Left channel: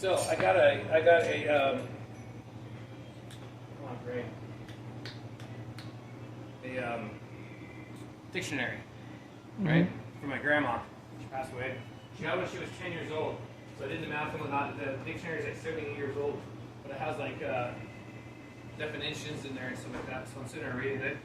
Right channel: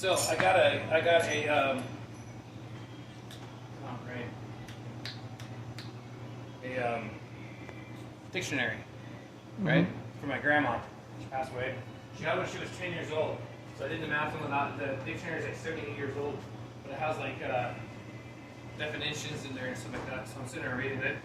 So I got a come on, Ray. A dictionary, right? For my grandma. She passed away. She had it when she was 10 years old. So I did the math and whatnot. The dictionary is like 78 years old, but it has like definitions in there and stuff like that. So I'm sitting there reading it,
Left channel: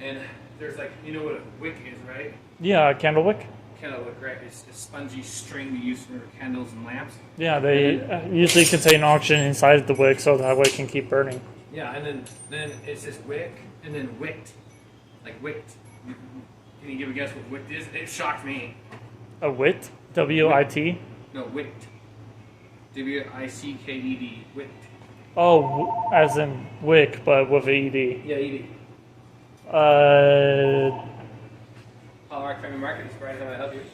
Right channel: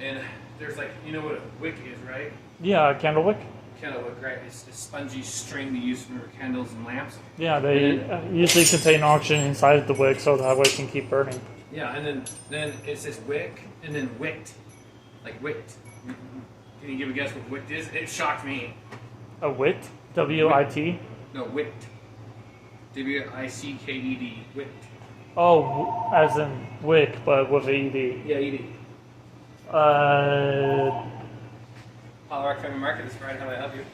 and there's like, you know what a wick is, right? Yeah, candle wick. Candle wick, right? It's a spongy string they use for candles and lamps. Yeah, they usually contain oxygen inside the wick, so that way it can keep burning. Yeah, and then it says wick, and then wicked, like wicked. Can you give a guess what wicked is? It shocked me. A wit? W-I-T? No, wicked. W-I-C-K-E-D. Wicked. Oh, as in wick, but with a E-D. Yeah, E-D. Holler at Family Market this Friday. How may I help you?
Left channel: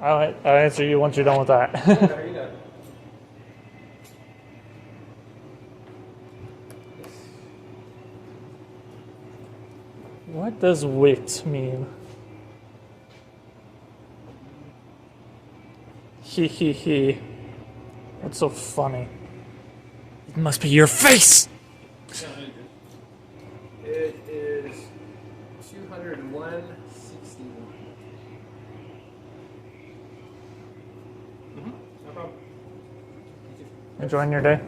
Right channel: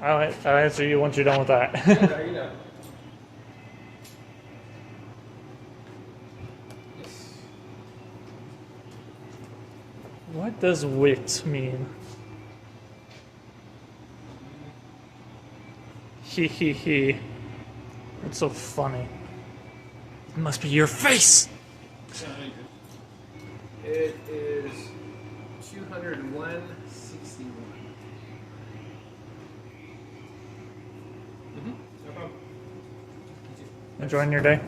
I'll answer you once you're done with that. There you go. What does wit mean? He he he. What's so funny? It must be your face! It is 201.61. No problem. Enjoying your day?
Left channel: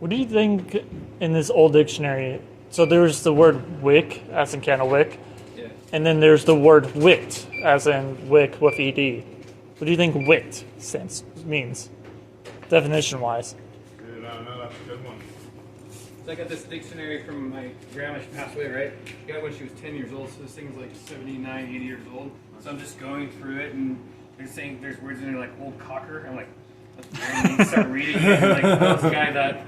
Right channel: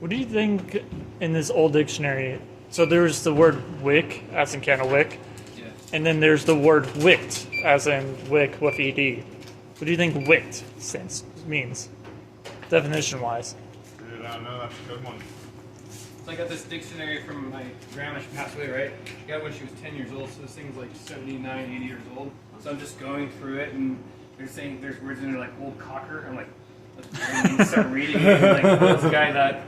What do you think in this old dictionary? So there's the word wick, as in candle wick, Yeah. and then there's the word wicked, as in wick with ED. What do you think wicked means, definition-wise? No, that's a good one. So I got this dictionary from my grandma. She passed away, right? Got it when she was 10 years old, so this thing's like 79, 80 years old. So I'm just going through it, and they're saying there's words in there like old cocker. I'm like, and you start reading it, and like this guy that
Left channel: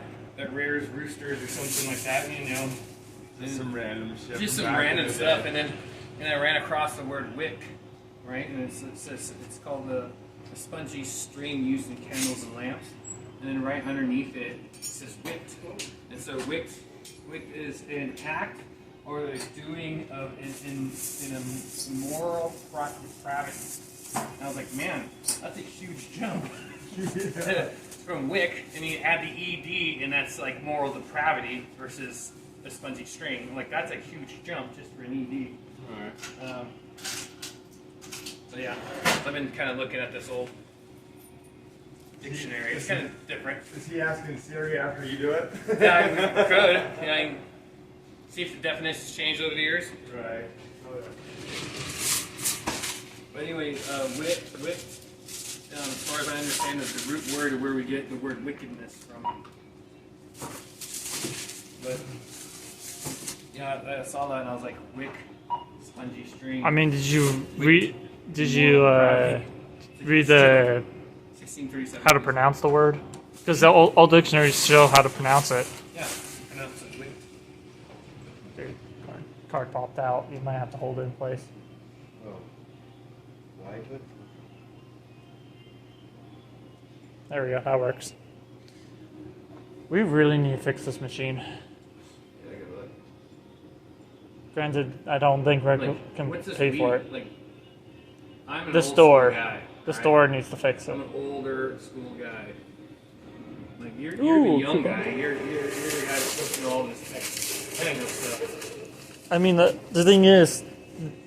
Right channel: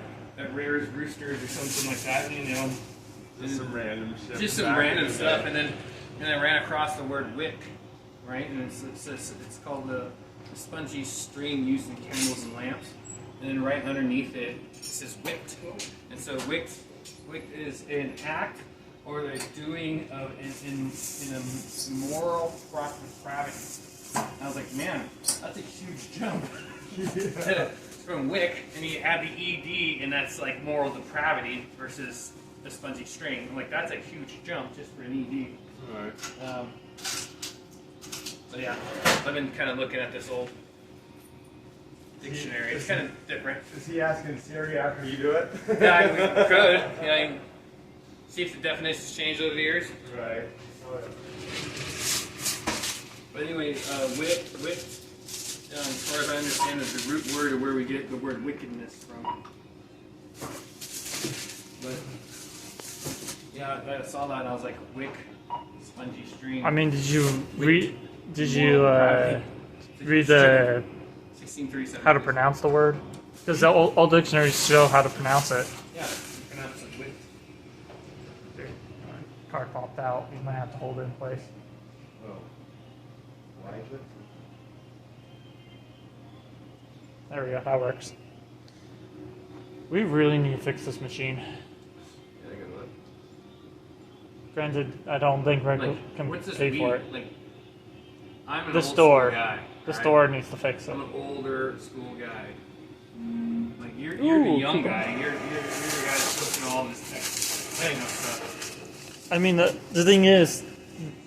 rears roosters or something like that, you know. Just some random shit. Just some random stuff, and then I ran across the word wick, right? And it's called a spongy string used in candles and lamps. And then right underneath it, it says wicked. And so wicked is an act or the doing of in a moral depravity. And I was like, man, that's a huge jump. From wick, and you add the ed, and that's like moral depravity versus the spongy string. I'm like, that's a huge jump just for an ed. Alright. So yeah, I've been kind of looking at this old dictionary. It's kind of different. Is he asking Siri after you do it? Yeah, we could. Yeah, I can see if the definitions change over the years. Right. Oh, But anyway, wit. As far as I understand, is the root word of where we get the word wickedness from. But yeah, I saw that and I was like, wick, spongy string. I mean, did you read the 1637. how to pronounce the word? Because the old dictionaries show how to pronounce it. Yeah, pronounce it wick. Dude, card popped out. You might have to hold it in place. Oh. Like it? There we go. That works. We really need to fix this machine. Yeah, I gotta look. Granted, I don't think Rick Like, can what's this pay for beat? it. Like, I'm an The old store. school guy. The right? store needs to fix it. I'm an older school guy. Like you're Ooh, the young cool. guy. You're the guy that's supposed to know all this tech. I ain't no stuff. I mean, the thing is,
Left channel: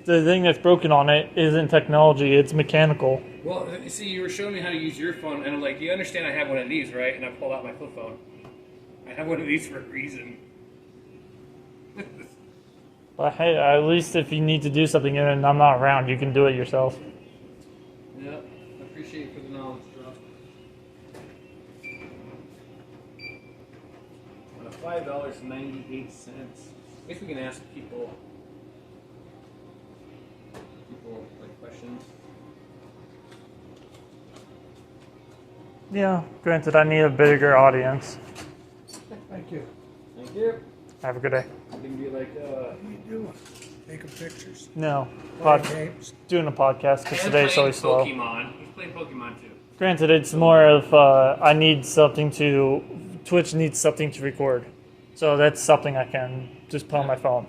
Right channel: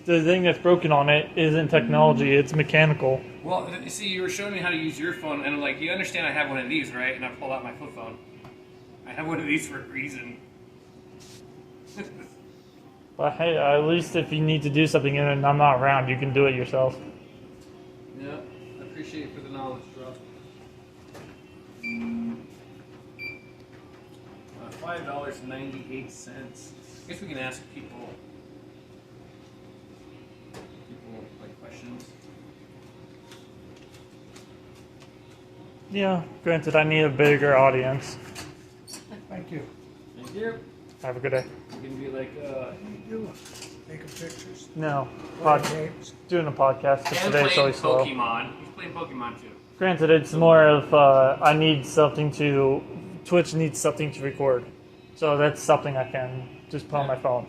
the thing that's broken on it isn't technology, it's mechanical. Well, see, you were showing me how to use your phone, and I'm like, you understand I have one of these, right? And I pulled out my flip phone. I have one of these for a reason. But hey, at least if you need to do something and I'm not around, you can do it yourself. Yeah, I appreciate it for the knowledge, drop. $5.98. I guess we can ask people like questions. Yeah, granted, I need a bigger audience. Thank you. Thank you. Have a good day. You can be like, Making pictures, No, playing games. doing a podcast because and today's playing so slow. Pokemon. He's playing Pokemon too. Granted, it's more of I need something to. Twitch needs something to record, so that's something I can just put on my phone.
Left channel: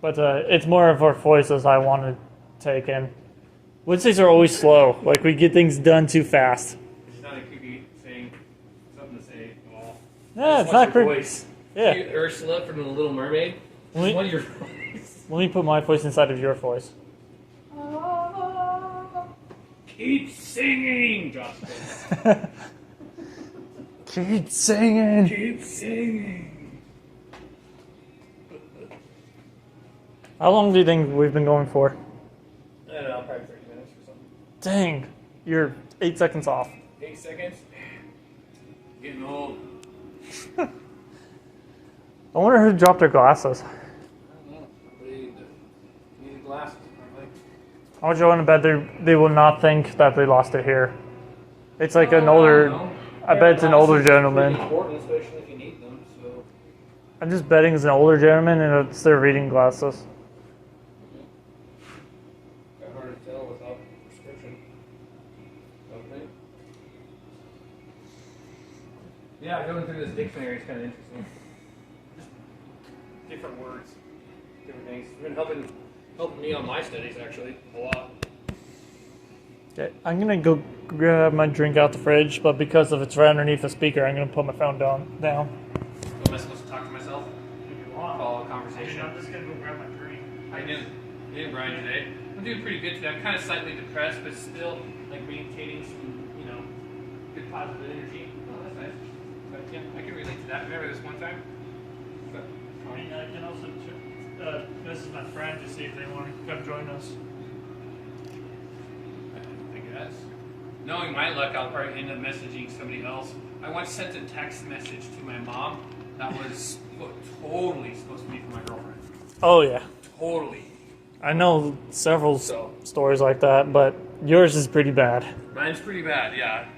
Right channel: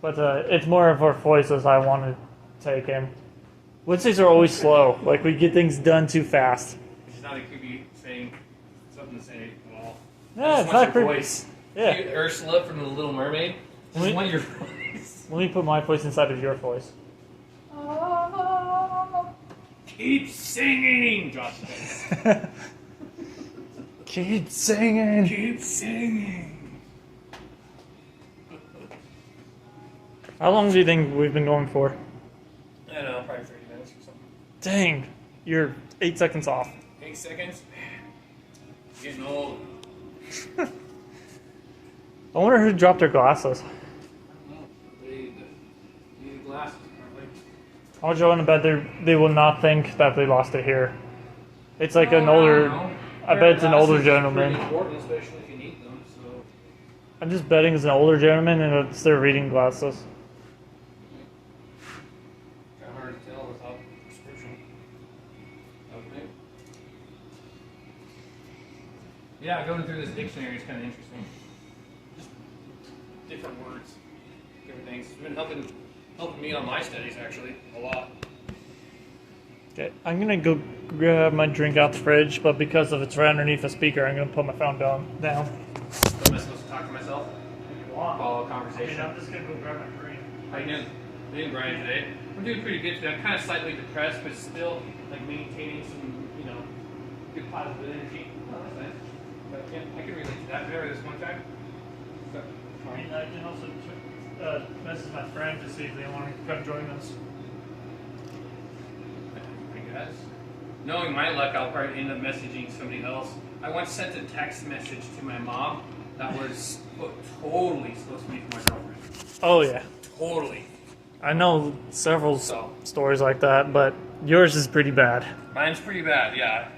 But it's more of our voices I want to take in. Wednesdays are always slow. Like, we get things done too fast. It's not a creepy saying something to say at all. No, I it's just not want your creepy. voice. Yeah. You, Ursula from The Little Mermaid. I Me- just want your voice. Let me put my voice inside of your voice. Keep singing, Josh. Keep singing. Keep singing. How long do you think we've been going for? I don't know, probably 30 minutes or something. Dang, you're 8 seconds off. 8 seconds? Getting old. I wonder who dropped their glasses. I don't know. They need glasses, apparently. I'll go in bet they will not think that they lost it here. It's like an Oh, older. I don't know. I bet it's an older Glasses are gentleman. pretty important, especially if you need them, so. I'm just betting it's an older gentleman and it's their reading glasses. Kind of hard to tell without description. Okay. Yeah, going through this dictionary is kind of interesting. Just different words, different things. It's been helping me on my studies actually a lot. Okay, I'm gonna go grab my drink out the fridge, but because of it's right underneath the speaker, I'm gonna put my phone down. Am I supposed to talk to myself? Follow a conversation. I'm just gonna go grab my drink. How you doing, Brian, today? I'm doing pretty good today. I'm kind of slightly depressed, but still like maintaining some, good positive energy. Oh, that's nice. But yeah, I can relate to that. Remember this one time? But, I mean, I can also message my friend to see if they want to come join us. I guess. Knowing my luck, I'll probably end up messaging somebody else. I once sent a text message to my mom that was totally supposed to be for my girlfriend. Oh yeah, Totally. I know several So. stories like that, but yours is pretty bad. Mine's pretty bad, yeah.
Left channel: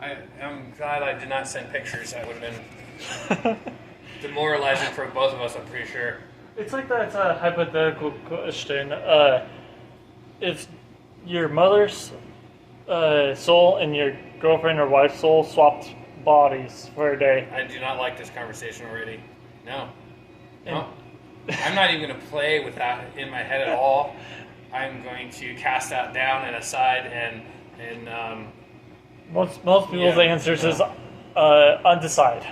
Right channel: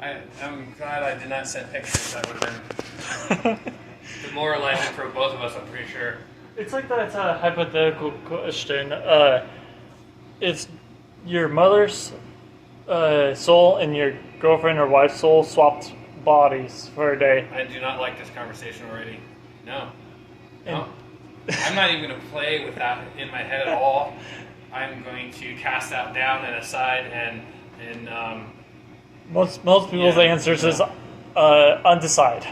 I'm glad I did not send pictures. That would have been demoralizing for both of us, I'm pretty sure. It's like that hypothetical question. If your mother's soul and your girlfriend or wife's soul swapped bodies for a day, I do not like this conversation already. No. And- No. I'm not even going to play with that in my head at all. I'm going to cast that down and aside and most people's Yeah, answers yeah. is undecided.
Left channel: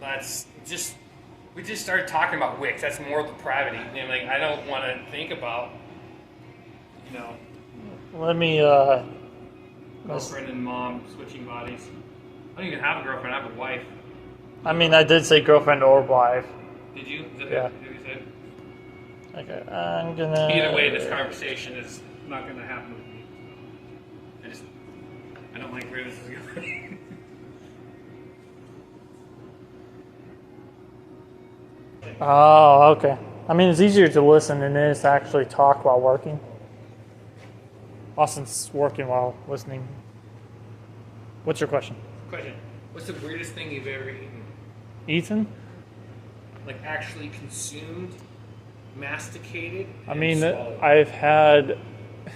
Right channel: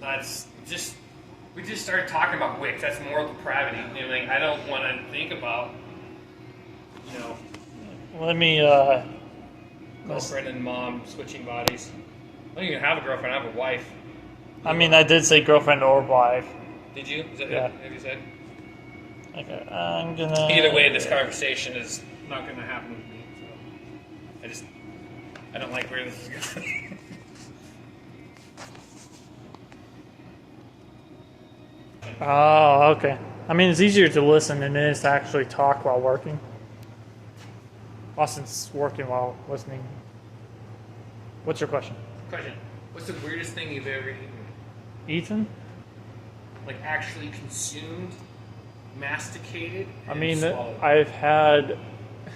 that's just, we just started talking about wicks. That's moral depravity. Like, I don't want to think about, Let me girlfriend and mom switching bodies. I don't even have a girlfriend. I have a wife. I mean, I did say girlfriend or wife. Did you? Is that Yeah. what you said? Okay, I'm gonna. Either way, this conversation is not going to happen with me. So I don't like where this is going. Oh, okay. I mean, it's easier to listen than it is to actually talk while working. Austin's working while listening. What's your question? Question: what's the weirdest thing you've ever eaten? Ethan? Like actually consumed, masticated? I And mean, swallowed? I've had.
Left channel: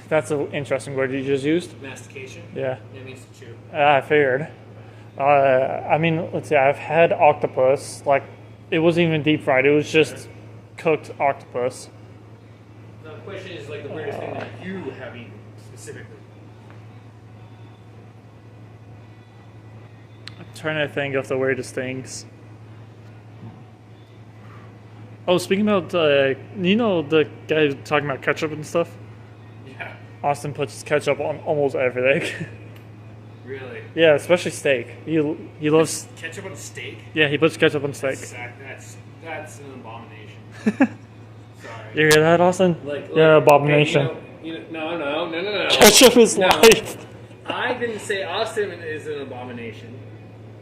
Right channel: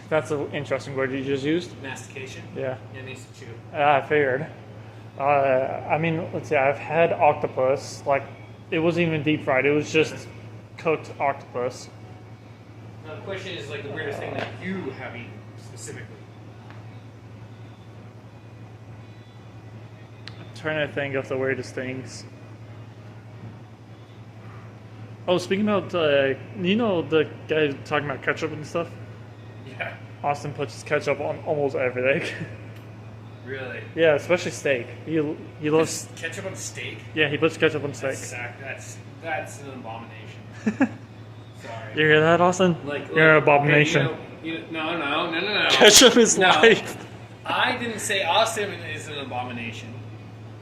That's an interesting word you just used. Mastication. Yeah, Yeah, me too. I figured. I mean, let's see. I've had octopus. Like, it wasn't even deep fried. It was just cooked octopus. Now the question is like the weirdest thing that you have eaten specifically. I'm trying to think of the weirdest things. Oh, speaking about, you know the guy talking about ketchup and stuff? Yeah. Austin puts ketchup on almost everything. Really? Yeah, especially steak. He loves. Ketchup on steak? Yeah, he puts ketchup on steak. That's an abomination. Sorry. You hear that, Austin? You're an abomination. No. Ketchup is No. life. I didn't say Austin is an abomination.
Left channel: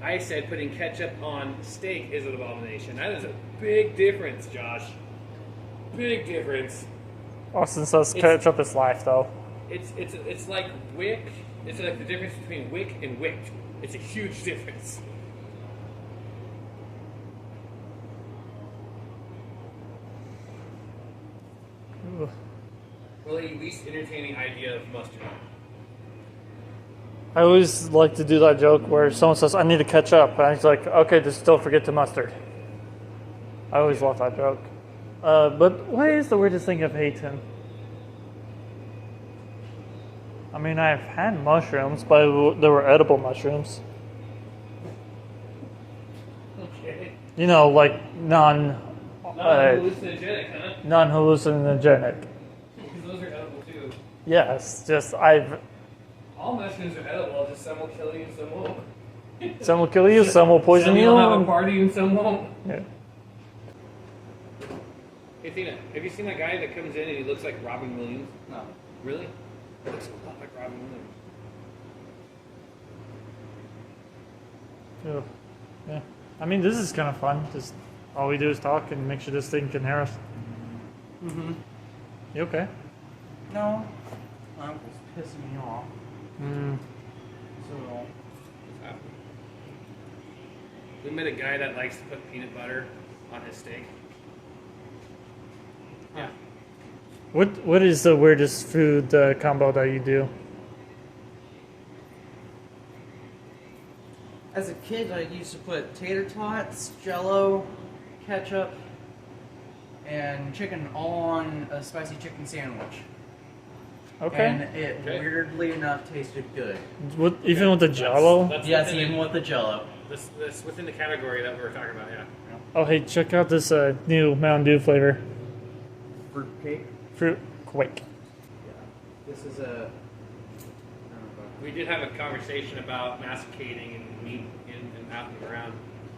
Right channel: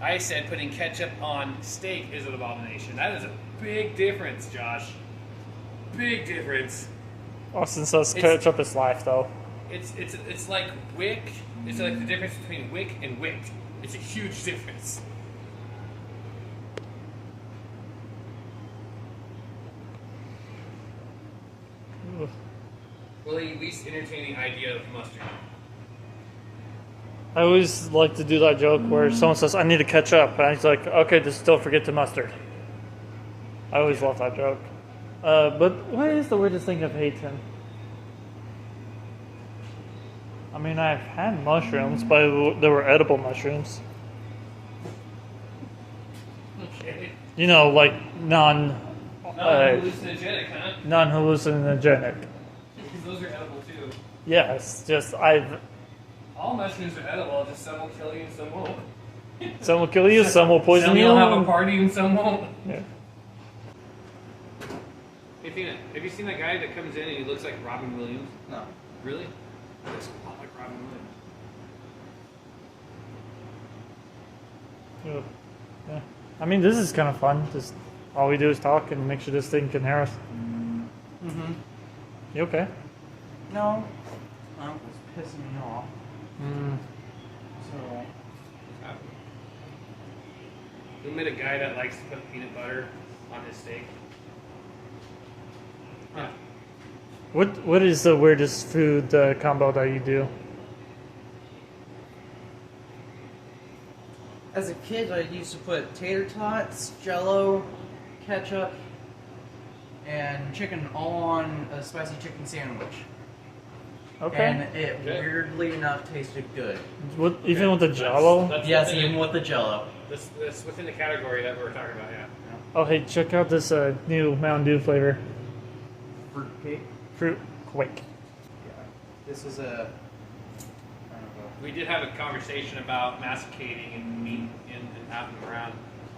I said putting ketchup on steak is an abomination. That is a big difference, Josh. Big difference. Austin says It's- ketchup is life, though. It's like wick. It's like the difference between wick and wick. It's a huge difference. Ugh. Well, at least entertaining idea of mustard. I always like to do that joke where someone says, I need to catch up. And he's like, okay, just don't forget the mustard. I always love that joke. But what is the weirdest thing I've eaten? I mean, I've had mushrooms, but they were edible mushrooms. Okay. You know, like Non-hallucinogenic, huh? non-hallucinogenic. Because those are edible too. Yes, just All mushrooms are edible, just some will kill you and some won't. some will kill you, some will poison Some you. will have a party and some won't. Yeah. Hey Tina, have you seen that guy that comes in and he looks like Robin Williams? No. Really? He looks a lot like Robin Williams. Ugh. Yeah. I mean, this is kind of fun. Just all we do is talk and make sure this thing can hear us. Mm-hmm. You okay? No. My uncle's pissing me off. Mm. So, We met a guy that likes to put peanut butter on his steak. Yeah. What is the weirdest food combo that you do? as a kid, I used to put tater tots, Jello, ketchup, and chicken all on a spicy chicken sandwich. Okay. And it Okay. weirdly enough tasted good. What, even with the Jello? That's Yes, within even with the Jello. This within the category that we're talking about, yeah. Oh, hey, check out this new Mountain Dew flavor. Fruitcake. Fruit Quake. Yeah. This is a. I don't know. We did have a conversation about masticating and meat and passing them around.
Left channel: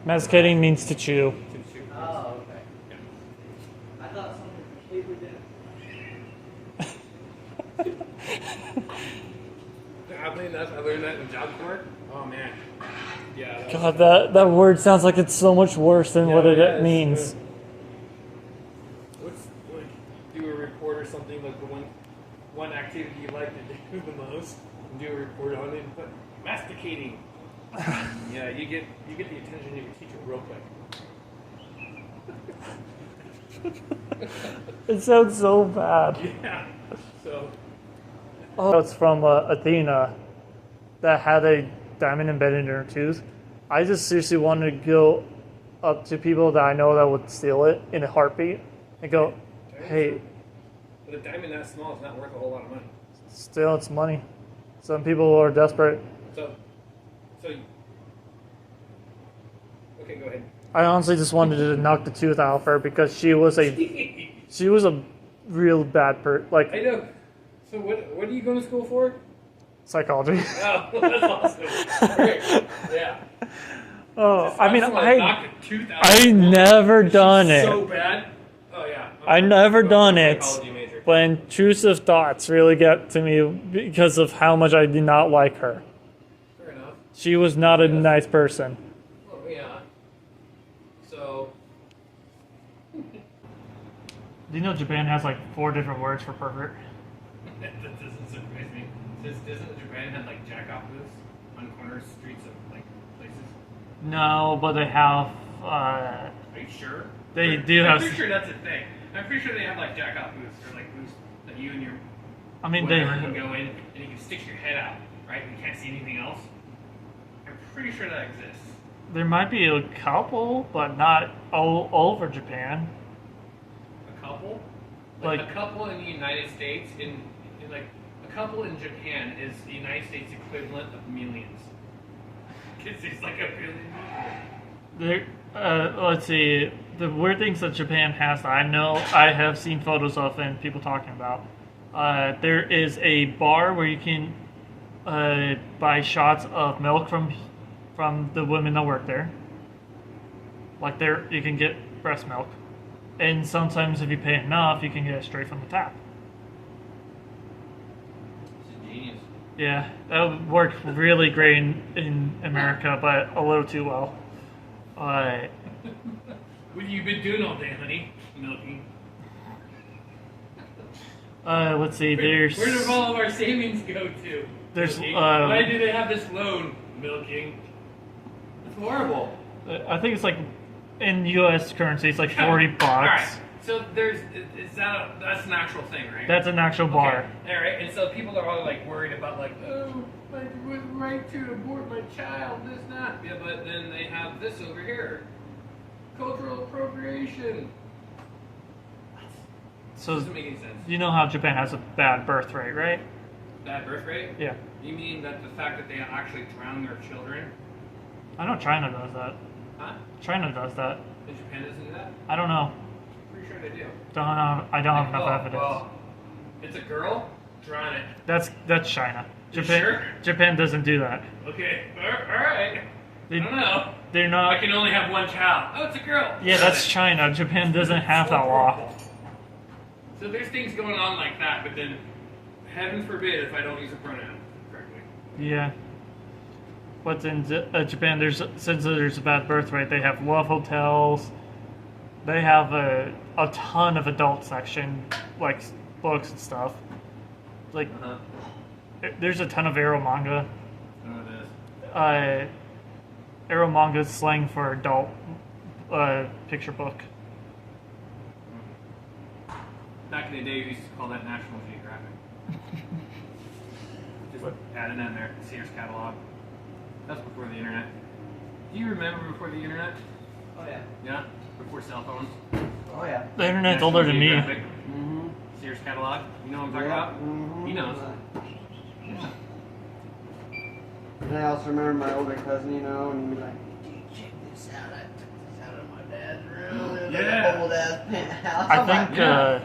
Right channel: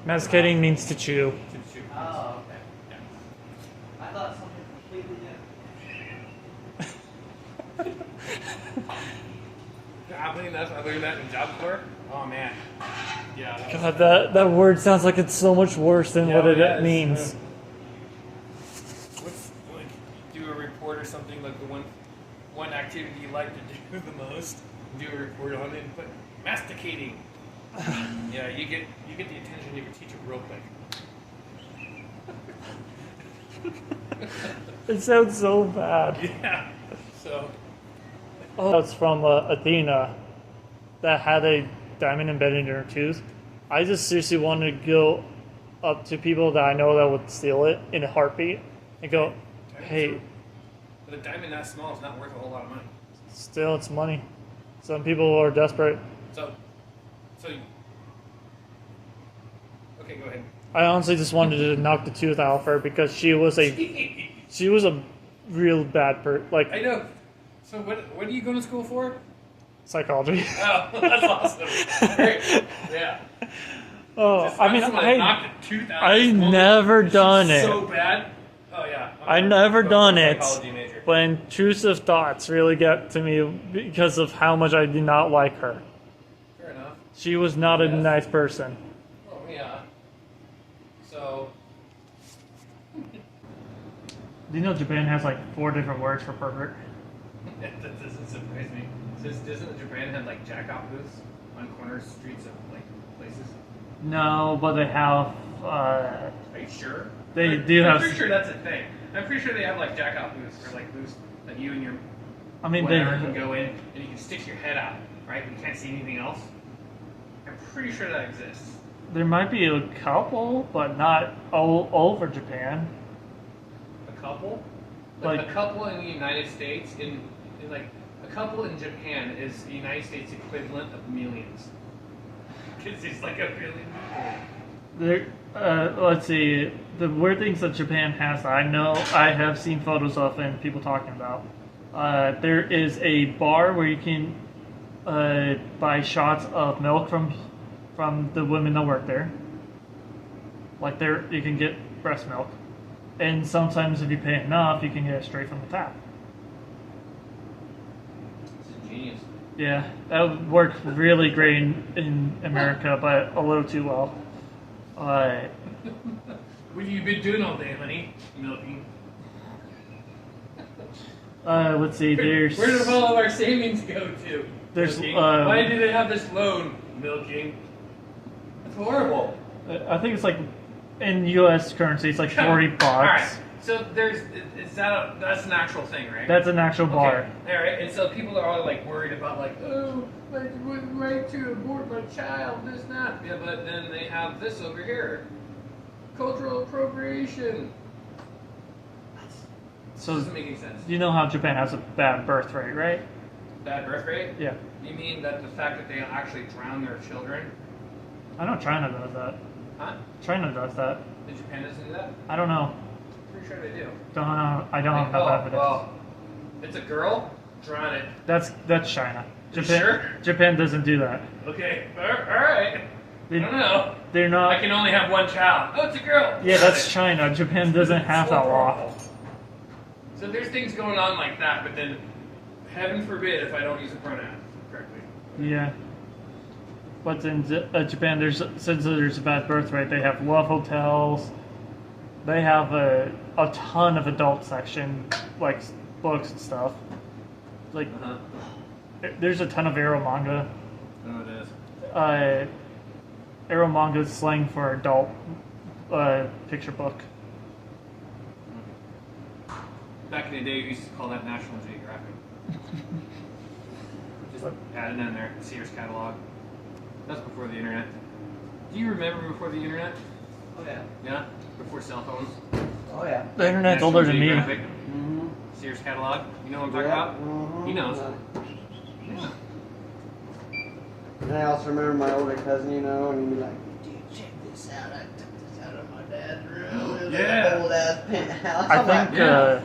Masticating means to chew. To chew. Oh, okay. Yeah. I thought something completely different. I learned that in job corps. Oh man. Yeah. That God, that word sounds like it's so much worse than what it is. means. What's, like, do a report or something like the one activity you like to do the most. Do a report on it and put masticating. Yeah, you get the attention of your teacher real quick. It sounds so bad. Yeah. So. Oh, it's from Athena that had a diamond embedded in her tooth. I just seriously wanted to go up to people that I know that would steal it in a heartbeat and go, hey, The diamond that small is not worth a whole lot of money. still it's money. Some people are desperate. So okay, go ahead. I honestly just wanted to knock the tooth out of her because she was a real bad I know. So what are you going to school for? psychology. Oh, that's awesome. Great. Yeah. Oh, I mean, just wanna knock the tooth out of I school. never She's done it. So bad. Oh yeah. I never done it, Psychology major. but intrusive thoughts really get to me because of how much I did not like her. Fair enough. She was not a nice person. Oh yeah. So. Do you know Japan has like 4 different words for pervert? That doesn't surprise me. Doesn't Japan have like jack-off booths on corner streets of like places? No, but they have. Are you sure? They do I'm have- pretty sure that's a thing. I'm pretty sure they have like jack-off booths or like booths that you and your I mean, whatever can they. go in and you can stick your head out, right? And you can't see anything else. I'm pretty sure that exists. There might be a couple, but not all over Japan. A couple? Like- a couple in the United States, in like a couple in Japan is the United States equivalent of millions. Because it's like a billion people. There, let's see. The weird things that Japan has that I know I have seen photos of and people talking about. There is a bar where you can buy shots of milk from the women that work there. Like there, you can get breast milk, and sometimes if you pay enough, you can get it straight from the tap. It's a genius. Yeah, that would work really great in America, but a little too well. What have you been doing all day, honey? Milking. Let's see. There's Where do all of our savings go to? There's, Milking. Why do they have this loan? Milking. It's horrible. I think it's like in U.S. currency, it's like $40. All right. So that's an actual thing, right? That's an actual bar. Okay. All right. And so people are all like worried about like, oh, my right to abort my child, this, that. Yeah, but then they have this over here, cultural appropriation. So Doesn't make any sense. you know how Japan has a bad birth rate, right? Bad birth rate? Yeah. You mean that the fact that they actually drown their children? I know China does that. Huh? China does that. Did Japan doesn't do that? I don't know. Pretty sure they do. Don't know. I don't have enough evidence. Well, it's a girl, drown it. That's China. You Japan. sure? Japan doesn't do that. Okay, alright. I They, don't know. they're I not. can only have one child. Oh, it's a girl. Yeah, Drown that's it. China. Japan doesn't have that law. So there's things going on like that, but then heaven forbid if I don't use a pronoun correctly. Yeah. But in Japan, since there's a bad birth rate, they have love hotels. They have a ton of adult section, like books and stuff. Like, Uh-huh. there's a ton of Ero manga. Oh, it is. Ero manga is slang for adult picture book. Back in the day, we used to call that National Geographic. Just add it in there. Sears catalog. That's before the internet. Do you remember before the internet? Oh yeah. Yeah? Before cell phones? Oh yeah. The internet's National older than me. Geographic, Mm-hmm. Sears catalog. You know what I'm talking about? Mm-hmm. He knows. Yeah. And I also remember my older cousin, you know, and he'd be like, dude, check this out. I took this out of my dad's room. It was Yeah. like an old ass penthouse. I I'm like, think yeah.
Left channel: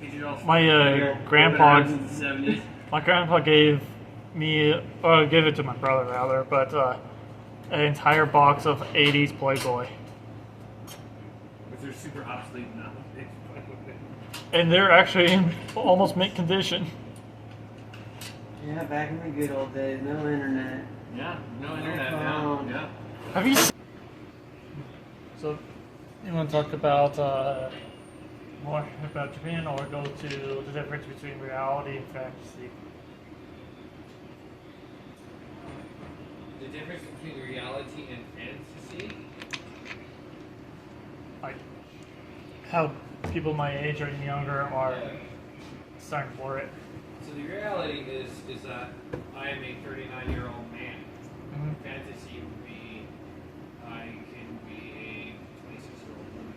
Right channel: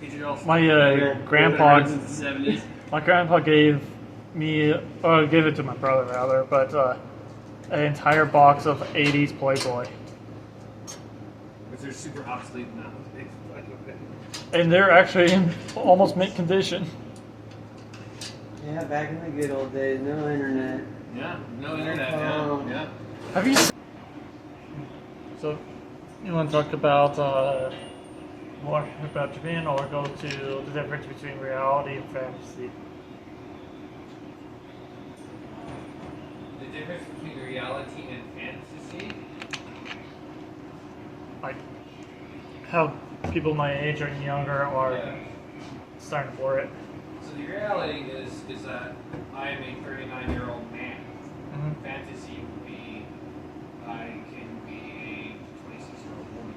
Digital. my grandpa, Since the 70s. my grandpa gave me, or gave it to my brother rather, but an entire box of '80s Playboy, Which are super obsolete now. and they're actually in almost mint condition. yeah, back in the good old days, no internet. Yeah, no internet now. Yeah. Have you? So, you want to talk about more about Japan, or go to the difference between reality and fantasy? The difference between reality and fantasy? Like how people my age or younger are Yeah. starting for it. So the reality is that I am a 39-year-old man. Mhm. Fantasy would be I can be a 26-year-old woman.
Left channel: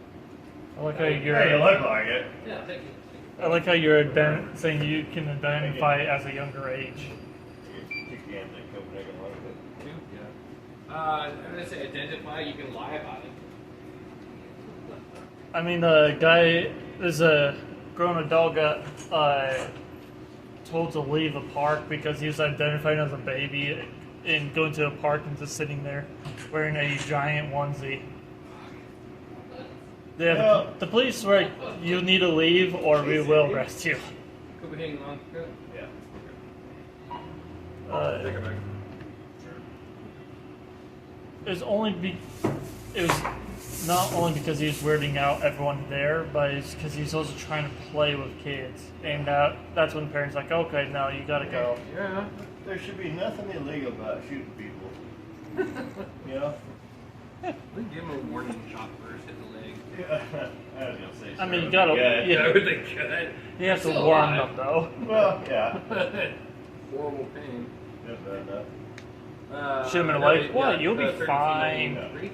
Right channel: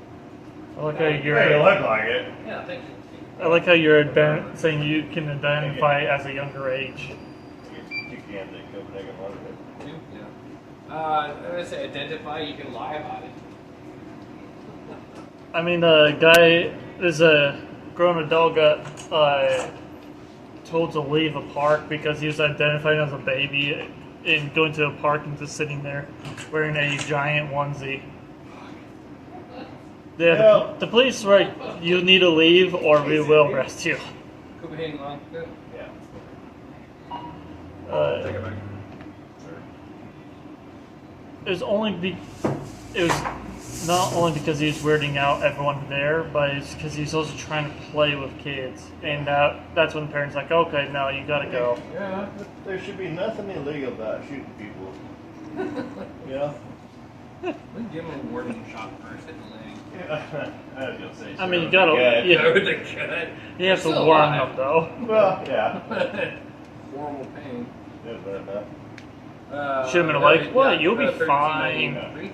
I like how Hey, you you're. look like it. Yeah, thank you. I like how you're saying you can identify as a younger age. Yeah. I'm gonna say identify. You can lie about it. I mean, the guy is a grown adult got told to leave a park because he was identified as a baby and going to a park and just sitting there wearing a giant onesie. The police were like, you need to leave or we will arrest you. Copenhagen long. Yeah. Take it back. It was it was not only because he was weirding out everyone there, but it's because he was also trying to play with kids, and that's when the parents like, okay, now you gotta go. Yeah. There should be nothing illegal about shooting people. You know? We can give him a warning shot first. Hit the leg. Yeah. I was gonna say. I mean, you sure. gotta, Yeah. you, I would think good. you have to Still warm alive. up though. Well, yeah. Horrible pain. Yeah, but enough. Should've been like, what, you'll be 13, fine. 3?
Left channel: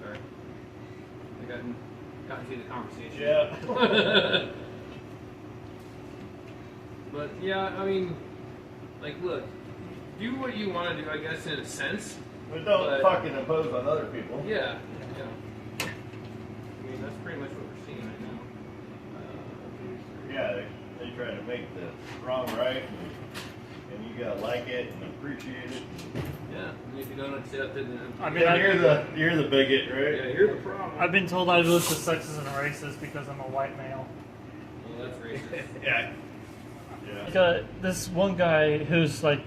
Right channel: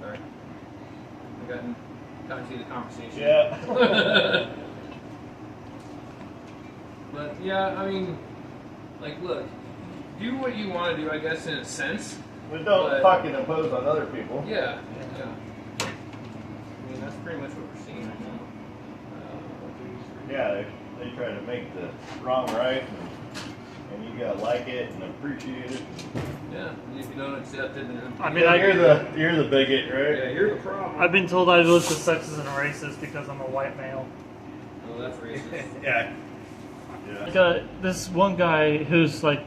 Sorry. I got into the conversation. Yeah. But yeah, I mean, like, look, do what you want to do, I guess, in a sense. But don't But- fucking impose on other people. Yeah, yeah. I mean, that's pretty much what we're seeing right now. 1, 2, 3. Yeah, they trying to make the wrong right, and you gotta like it and appreciate it. Yeah, and if you don't accept it, then I mean, You're the bigot, yeah, right? you're the problem. I've been told I was sexist and racist because I'm a white male. Well, that's racist. Yeah. Like, Yeah. this one guy who's like,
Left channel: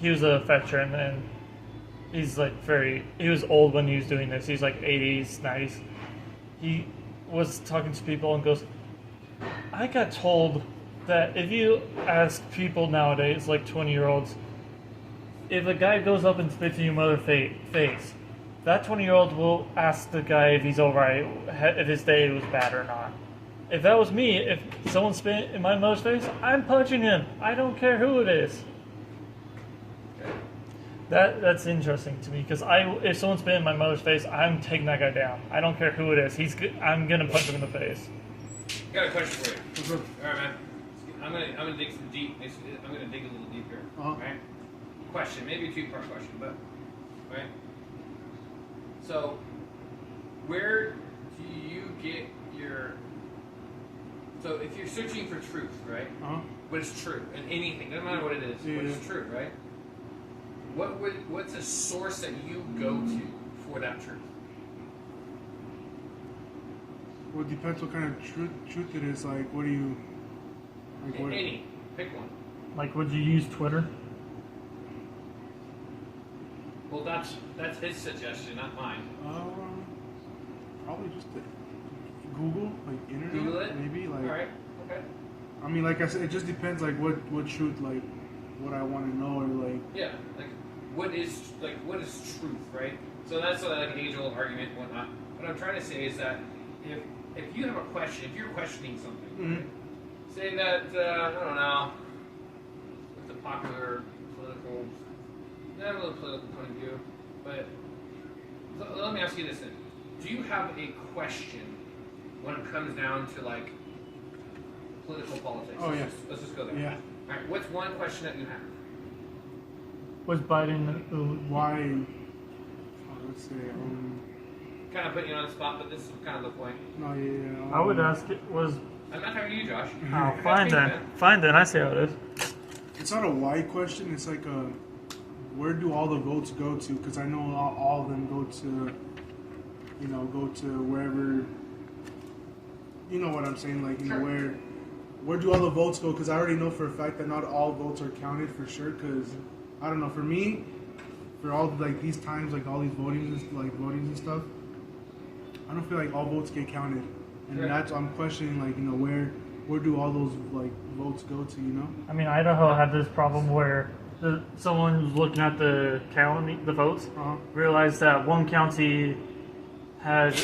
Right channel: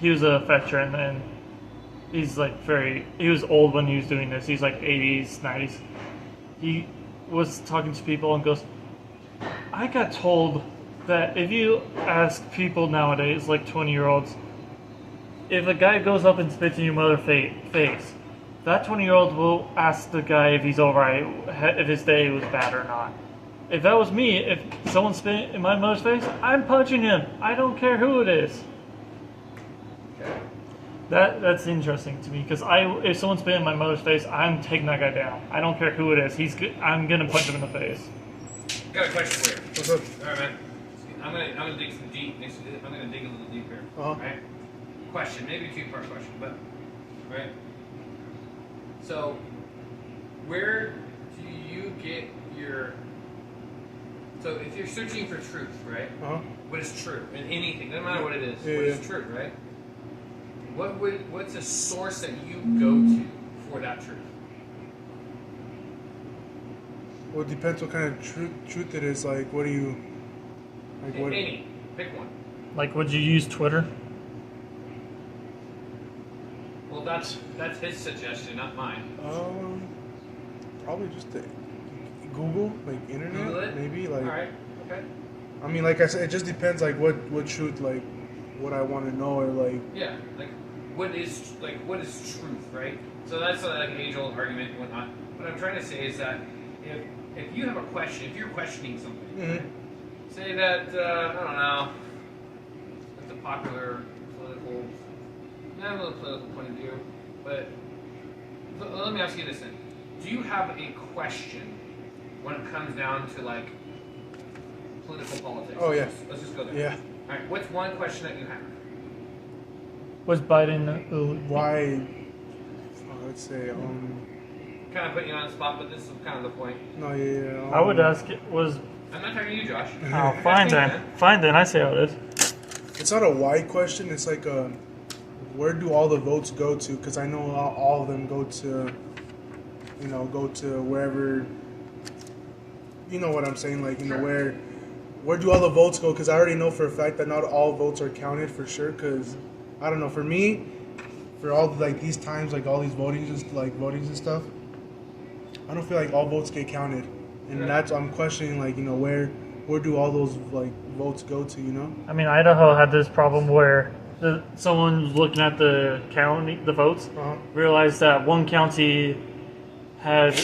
he was a veteran and he's like he was old when he was doing this. He's like 80s, 90s. He was talking to people and goes, I got told that if you ask people nowadays, like 20-year-olds, if a guy goes up and spits in your mother's face, that 20-year-old will ask the guy if he's alright, if his day was bad or not. If that was me, if someone spit in my mother's face, I'm punching him. I don't care who it is. That's interesting to me because if someone spit in my mother's face, I'm taking that guy down. I don't care who it is. I'm gonna punch him in the face. I got a question for you. All right, man. gonna dig some deep. I'm gonna dig a little deeper. Right? Question, maybe a two-part question, but right. So, where do you get your? So, if you're searching for truth, right? What is true in anything? No matter what it is, what is true, right? What's a source that you go to for that truth? Well, it depends what kind of truth it is. Like, what do you? Like, what? Any, pick one. Like, would you use Twitter? Well, that's his suggestion, not mine. Probably just Google, like internet, Google it? maybe. Like, All right. Okay. I mean, like I said, it just depends. Like, what truth, like, what I want to know, or like. Yeah. What is truth, right? So that's like an age-old argument and whatnot. What I'm trying to say is that if you have a question, if you're questioning something, right? Say that I don't know, it's a popular political, not a political point of view, but let me ask you this then: do you have a question when it comes down to like political politics? Oh, yeah. Let's just go there. Yeah. All right. What's one question that you have? Was Biden? Why? Let's say. Kind of putting you on the spot, but this is kind of the point. No, yeah. I would ask it was. I'm not talking to you, Josh. Oh, fine then. Fine then. I see how it is. It's not a why question. It's like where do all the votes go to? Because I know all of them go to, go to wherever. You know what I'm saying? Like, you know, where do all the votes go? Because I already know for a fact that not all votes are counted for sure. Because I don't know. For me, for all like these times, like all these votings and stuff, I don't feel like all votes get counted, and that's I'm questioning like where do all those like votes go to? I mean, Idaho had this problem where someone was looking at the county, the votes, realized that one county had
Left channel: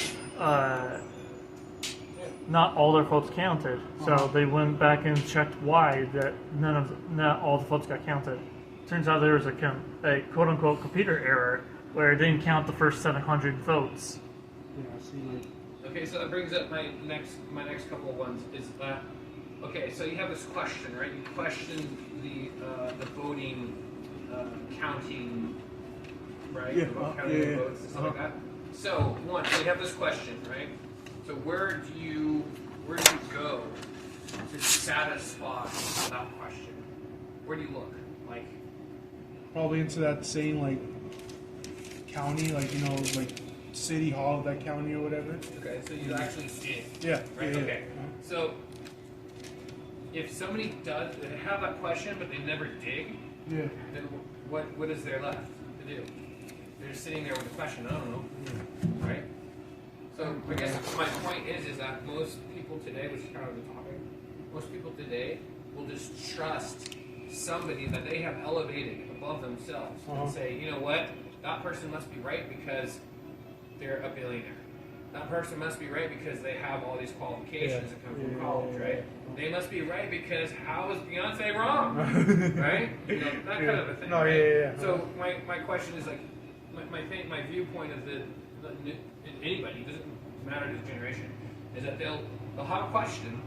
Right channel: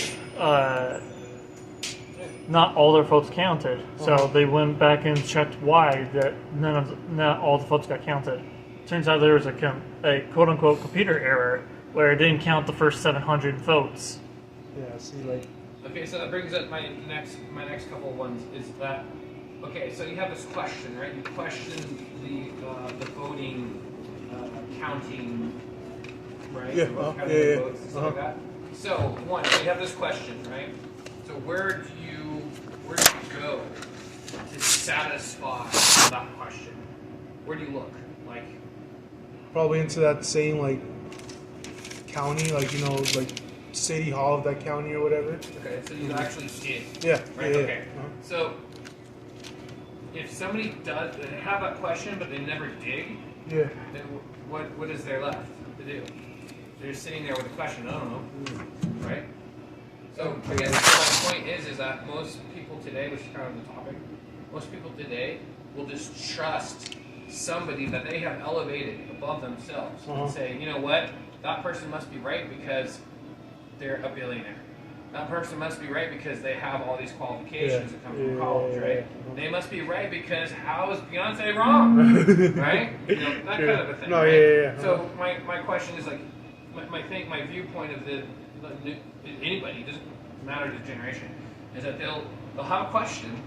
not all their votes counted. So they went back and checked why that not all the votes got counted. Turns out there was a quote unquote computer error where it didn't count the first 700 votes. Yeah, see, like. Okay, so that brings up my next couple of ones. Is that okay? So you have this question, right? You question the voting counting, right? Yeah. Counting the votes and stuff like that. So one, so you have this question, right? So where do you go to satisfy that question? Where do you look? Like Probably into that same like county, like like city hall of that county or whatever. okay, so you actually see it. Yeah. Right. Yeah, Okay. So if somebody does have that question but they never dig, Yeah. then what is there left to do? They're sitting there with a question. I don't know, right? So I guess my point is that most people today, which is kind of the topic, most people today will just trust somebody that they have elevated above themselves and say, you know what, that person must be right because they're a billionaire. That person must be right because they have all these qualifications that come from college, right? They must be right because how is Beyonce wrong, right? You know, that kind of a thing. No, right? yeah. So my question is like, my viewpoint of anybody, it doesn't matter the generation, is that they'll have a question,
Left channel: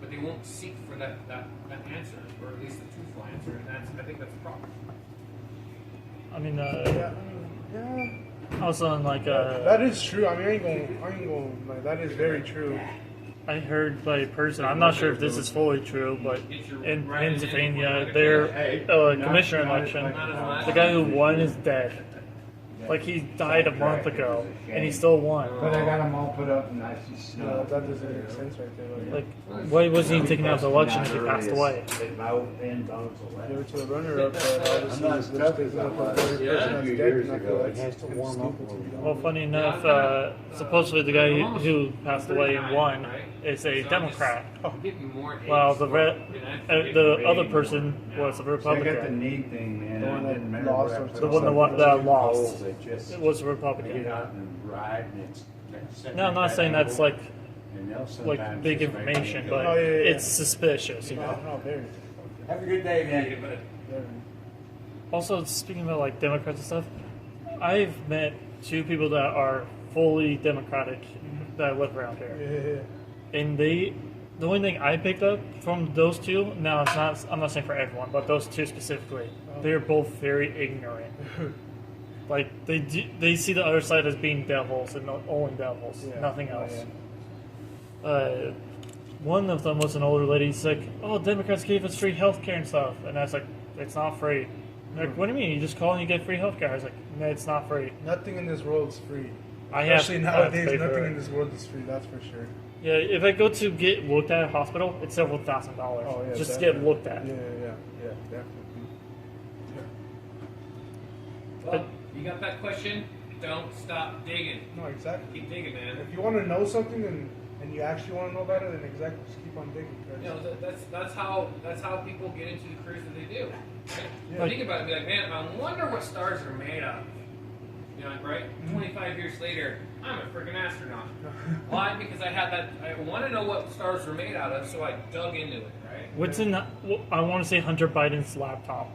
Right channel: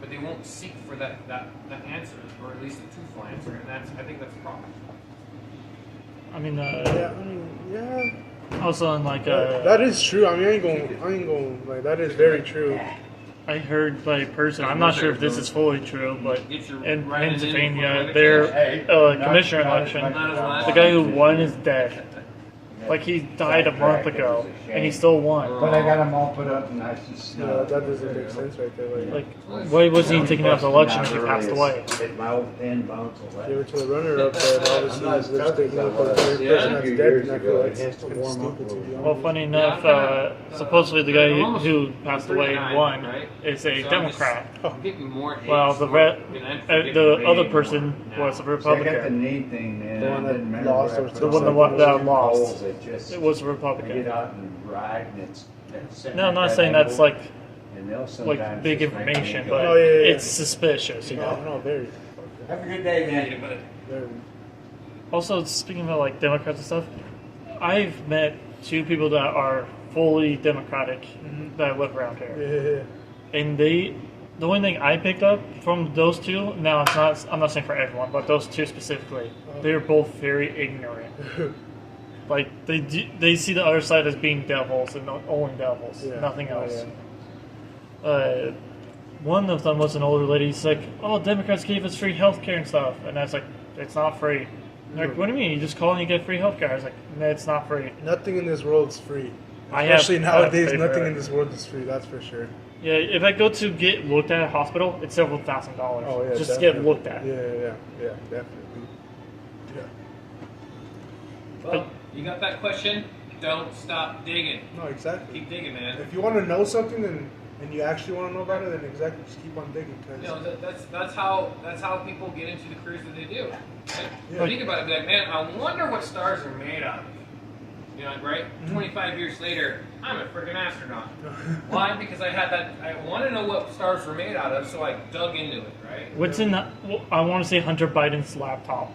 but they won't seek for that answer, or at least a truthful answer, and I think that's a problem. I mean, Yeah. also in like That is true. I mean, I ain't going like that is very true. I heard by a person, I'm not sure if this is fully true, but Get your in right in Pennsylvania, for their commissioner election, Not as much. the guy who won is dead. Like he died a month ago, and he still won. But I got them all put up nice and snug. That doesn't make sense right there. Like, why wasn't he taking out the election if he passed away? Hit my old pin bounce away. Give it to the runner up there, and obviously I'm not it's tough taking as I up the was. very Yeah. person A that's few dead. years And I ago, feel it that's has to kinda warm up stupid a to be little. Well, honest. funny enough, supposedly the guy who passed away and won right? is a So Democrat. I'm getting more hate Well, the for it, and I'm forgetting the way other more person now. was a So I got the Republican. knee thing, man. The one I that didn't remember lost what I or put The one on. that Those lost. holes that just- It was a I get Republican. out and ride, and it's sitting No, I'm at not that saying that's angle, like and they'll like sometimes big just make me information, go, but Oh, yeah. it's suspicious, you know. No, very. have a good day, Yeah, man. but very. Also, speaking about like Democrats and stuff, I've met two people that are fully Democratic that live around here, Yeah. and they the only thing I picked up from those two, now it's not. I'm not saying for everyone, but those two specifically, they are both very ignorant. Like they see the other side as being devils and only devils, Yeah. nothing Oh, else. yeah. One of them was an older lady. She's like, "Oh, Democrats gave us free healthcare and stuff," and I was like, "It's not free." They're like, "What do you mean? You just call and you get free healthcare?" I was like, "No, it's not free." Nothing in this world is free. I have- Especially I have to nowadays, pay for nothing it. in this world is free. That's for sure. Yeah, if I go to get looked at a hospital, it's several $1,000s. Oh yeah, just to definitely. get looked at. Yeah, definitely. Yeah. Well, you got that question? Don't stop digging. No, exactly. Keep digging, man. If you want to know something and you actually want to know about it, then exactly, just keep on digging. Cause You know, that's how people get into the careers that they do. Right? Yeah. Think about it, be like, man, I wonder what stars are made of. You know, right? 25 years later, I'm a freaking astronaut. Why? Because I want to know what stars were made out of, so I dug into it, right? What's in that? Well, I want to say Hunter Biden's laptop.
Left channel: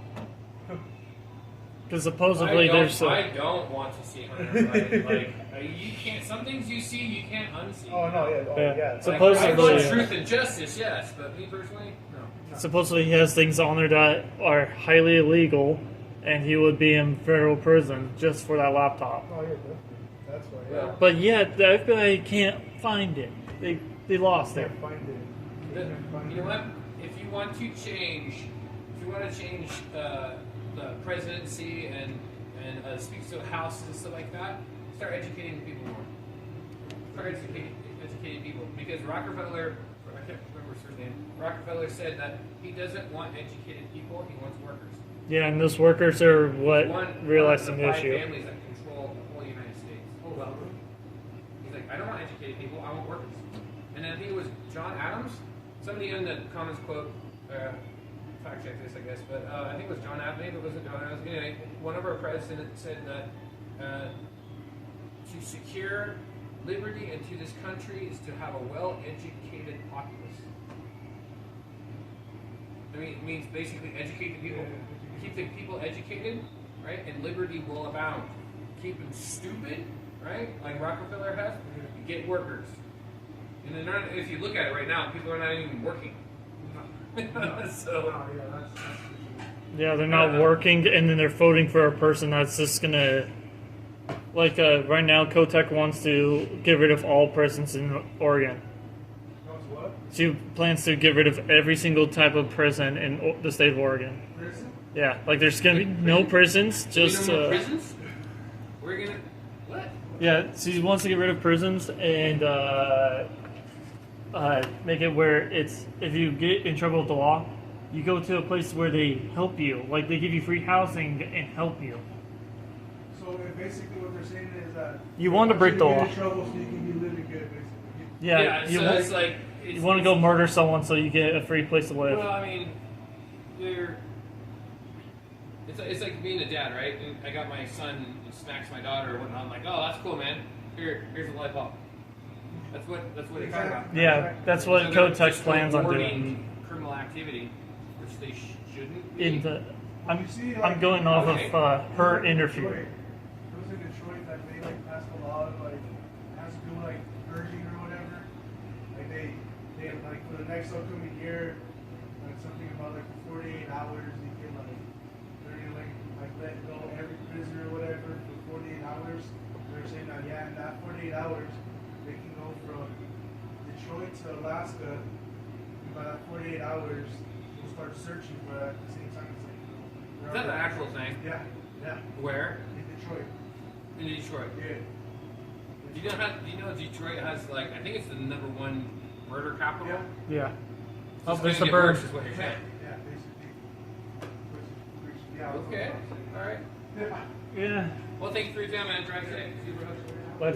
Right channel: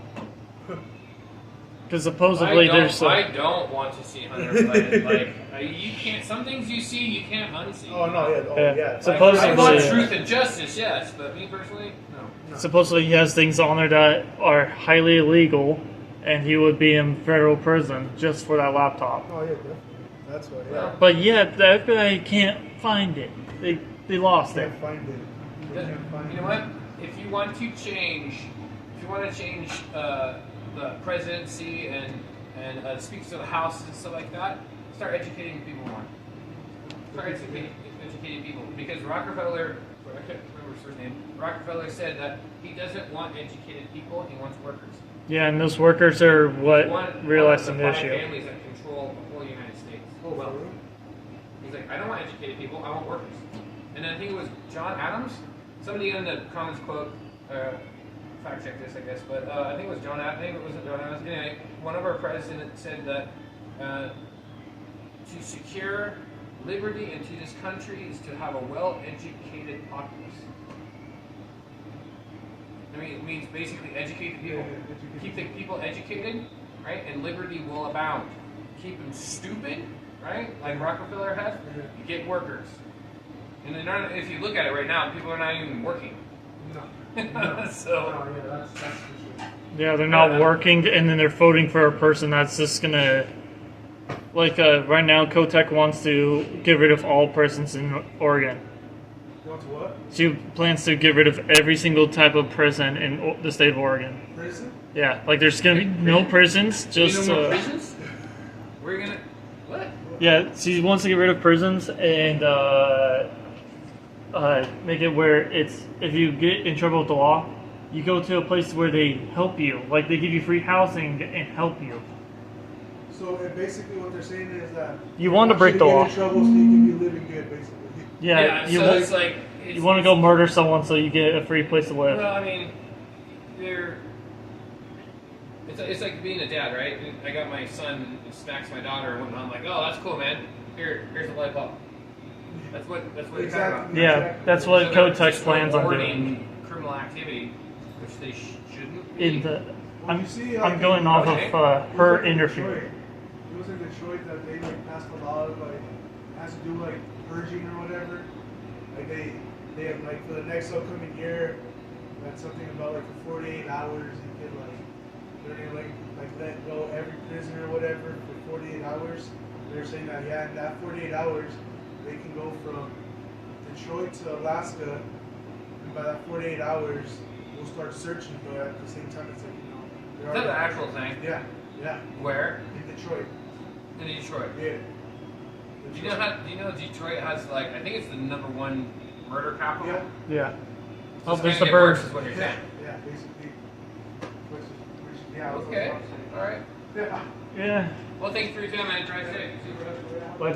Because supposedly there's. I don't want to see Hunter Biden. Like, you can't. Some things you see, you can't unsee. Oh no, yeah, oh Yeah. yeah. Like, Supposedly- I want truth and justice, yes, but me personally, no. Supposedly he has things on there that are highly illegal, and he would be in federal prison just for that laptop. Oh yeah, definitely. That's why. Yeah. Well, But yet the FBI can't find it. They lost it. Can't find it. But Can't find you know it. what? If you want to change, the presidency and speak to the House and stuff like that, start educating people more. Start educating people, because Rockefeller, I can't remember his first name. Rockefeller said that he doesn't want educated people; he wants workers. Yeah, and those workers are what One realized of the the 5 issue. families that control the whole United States. Oh well. He's like, I don't want educated people; I want workers. And I think it was John Adams. Somebody in the comments quote. Fact check this, I guess, but I think it was John Adams. Maybe it wasn't John Adams. Anyway, one of our presidents said that to secure liberty into this country is to have a well-educated populace. I mean, it means basically educate the people. Keep the people educated, right? And liberty will abound. Keep them stupid, right? Like Rockefeller has. You get workers. And then if you look at it right now, people are not even working. So. Yeah, they're not working, and then they're voting for a person that's just gonna. Like right now, Kotek wants to get rid of all prisons in Oregon. Wants what? She plans to get rid of every single type of prison in the state of Oregon. Prison? Yeah, like there's gonna be no prisons, just no more prisons? We're gonna what? yeah. She wants to get rid of prisons and make it where it's if you get in trouble with the law, you go to a place where they help you, like they give you free housing and help you. So basically, what they're saying is that You want to break the get law. in trouble so you can be living good, basically. Yeah, you so want, it's like you want to go murder someone so you get a free place to live. Well, I mean, it's like being a dad, right? And I got my son and smacks my daughter and whatnot. I'm like, oh, that's cool, man. Here's a light bulb. That's what you're talking about. Exactly. Yeah, that's what So they're Kotex just plans on rewarding doing. criminal activity, which they shouldn't be. In the, Well, I'm, you see, I'm going off Okay. of It was her like in interview. Detroit. It was in Detroit that they like passed a law of like has to do like purging or whatever. Like they have like for the next upcoming year, that's something about like for 48 hours you can like they're gonna like let go every prisoner or whatever for 48 hours. They're saying that yeah, in that 48 hours they can go from Detroit to Alaska, and by that 48 hours we'll start searching. But at the same time, it's like Is that the actual thing? yeah, Where? in Detroit. In Detroit. Yeah. Do you know Detroit has like I think it's the #1 murder capital? Yeah. Yeah. So Oh, it's there's gonna the get worse, bird. is what you're saying. Yeah, basically. Yeah, Okay. All right. Yeah. Yeah. Well, thanks for your time, man. Drive safe. But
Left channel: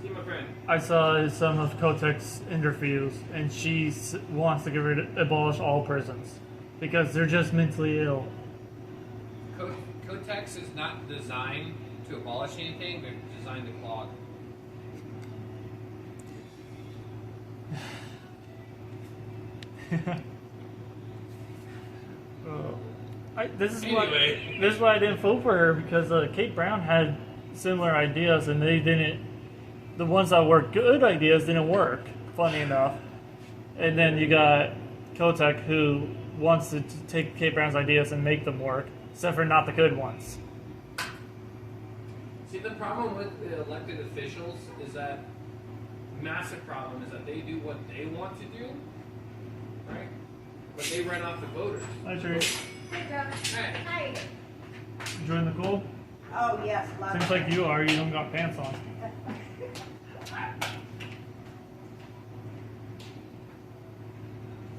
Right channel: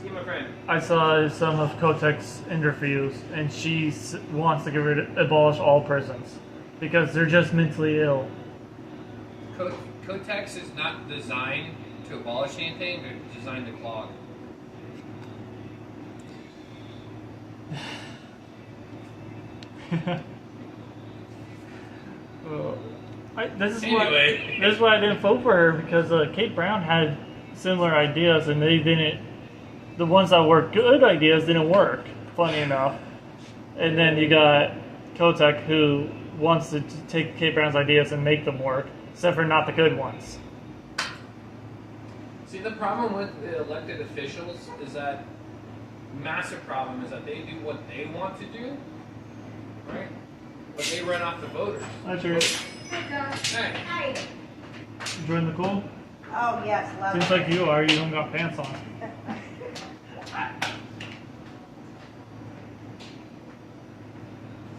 See you, my friend. I saw some of Kotek's interviews, and she wants to abolish all prisons because they're just mentally ill. Kotex is not designed to abolish anything; they're designed to clog. This is Anyway. why. This is why I didn't vote for her because Kate Brown had similar ideas, and they didn't. The ones that were good ideas didn't work. Funny enough. And then you got Kotek, who wants to take Kate Brown's ideas and make them work, except for not the good ones. See, the problem with the elected officials is that massive problem is that they do what they want to do, right? But they run off the voters. Hi, Trey. Hey, Hi. Enjoying the cold? Oh, yes, love Seems it. like you are. You don't got pants on.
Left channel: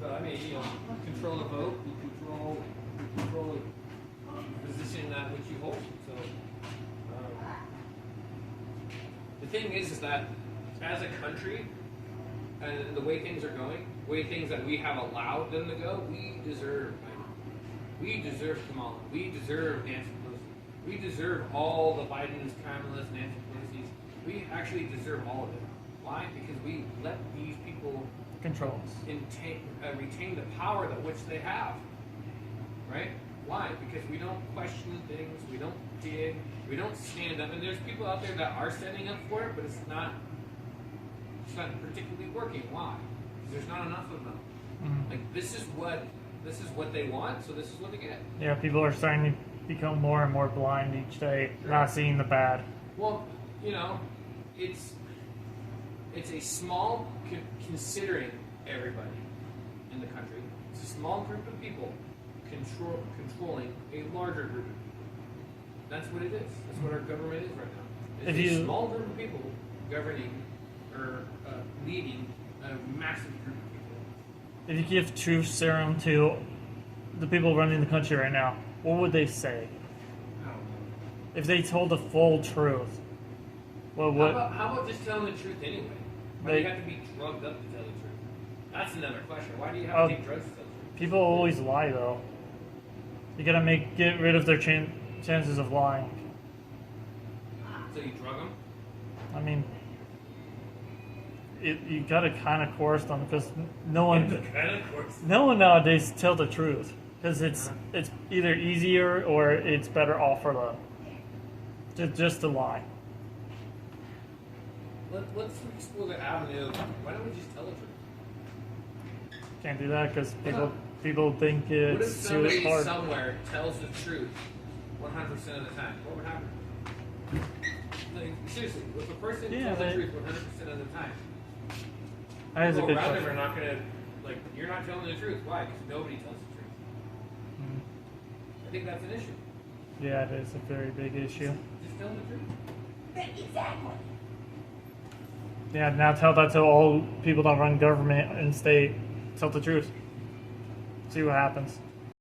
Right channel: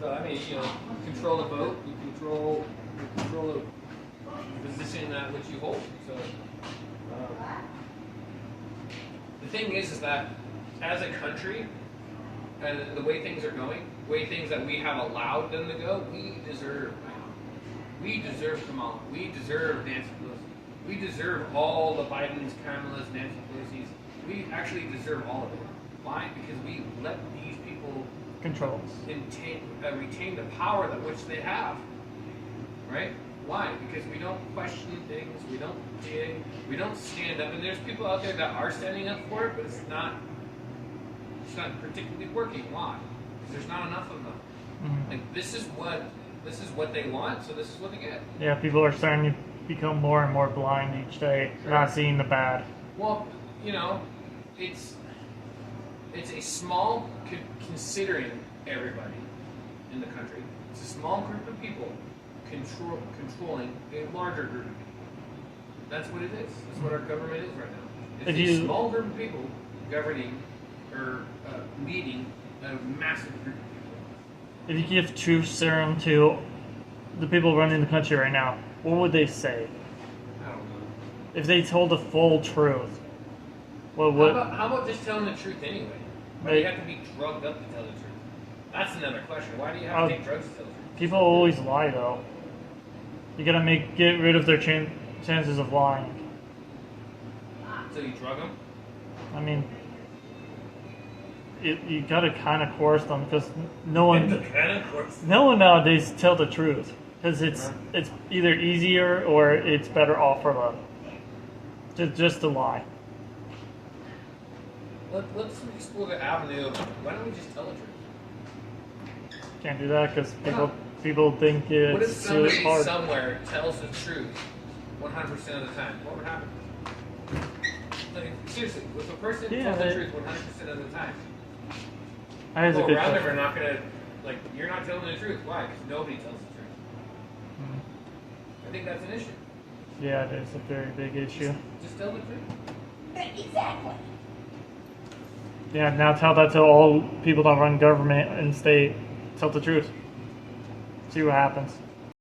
so I mean, you know, you control the vote, you control the position that which you hold. So the thing is that as a country, and the way things are going, the way things that we have allowed them to go, we deserve Kamala. We deserve Nancy Pelosi. We deserve all the Bidens, Kamalas, Nancy Pelosi's. We actually deserve all of it. Why? Because we let these people Controls. retain the power that which they have. Right? Why? Because we don't question things, we don't dig, we don't stand up. And there's people out there that are standing up for it, but it's not particularly working. Why? Because there's not enough of them. Mhm. Like this is what they want, so this is what they get. Yeah, people are starting to become more and more blind each day, not seeing the bad. Well, you know, it's a small, considering everybody in the country, it's a small group of people controlling a larger group of people. That's what it is. That's what our government is right now. It's a small group of people governing or leading a massive group of people. If you give truth serum to the people running the country right now, what would they say? I don't know. If they told the full truth, what How would? about just telling the truth anyway? Why do you have to be drugged up to tell the truth? That's another question. Why do you have to take drugs to tell the truth? People always lie, though. You gotta get rid of their chances of lying. So you drug them? I mean, you gotta kind of coerce them because no one nowadays tell the truth because it's either easier or it's better off for them. Just to lie. Let's explore the avenue of why don't we just tell the truth? Can't do that because people think it's What if somebody hard. somewhere tells the truth 100% of the time? What would happen? Like, seriously, if a person tells the truth 100% of the time, That is a people good around them question. are not going to, like, you're not telling the truth. Why? Because nobody tells the truth. Mhm. I think that's an issue. Yeah, it is a very big issue. Just tell the truth. Exactly. Yeah, now tell that to all people that run government and state. Tell the truth. See what happens.